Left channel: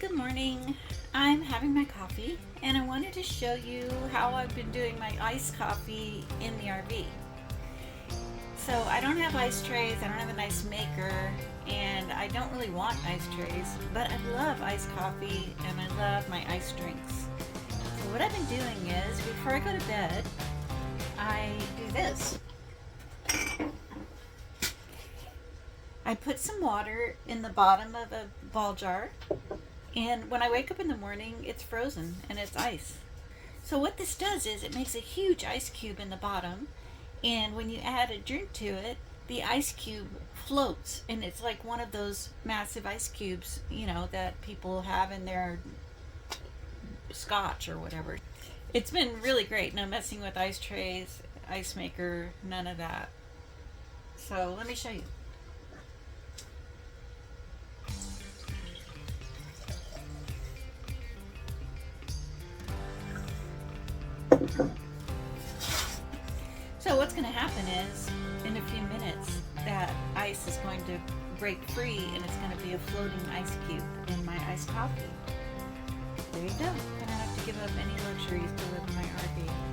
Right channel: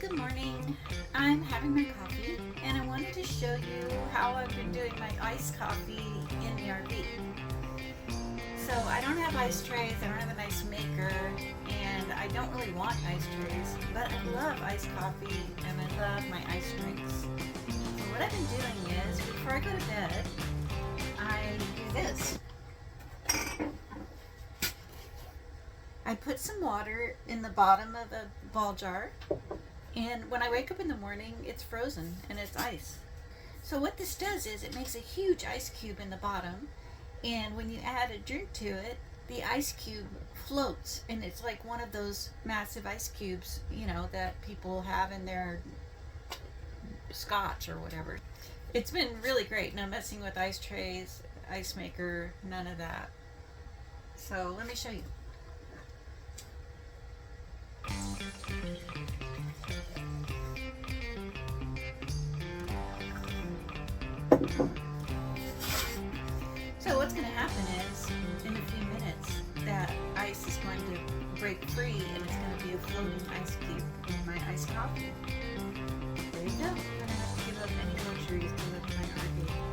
Good morning. I'm having my coffee and I wanted to show you how I've been doing my iced coffee in the RV. So I don't have ice trays, I don't have an ice maker, and I don't really want ice trays, but I love iced coffee and I love my iced drinks. So what I've been doing is, before I go to bed, I do this. I put some water in the bottom of a ball jar, and when I wake up in the morning, it's frozen and it's ice. So what this does is it makes a huge ice cube in the bottom, and when you add a drink to it, the ice cube floats, and it's like one of those massive ice cubes, that people have in their scotch or whatever. It's been really great. No messing with ice trays, ice maker, none of that. So let me show you. So what's going to happen is, in a few minutes, that ice is going to break free and it's going to be a floating ice cube in my iced coffee. There you go. I don't have to give up any luxuries to live in my RV.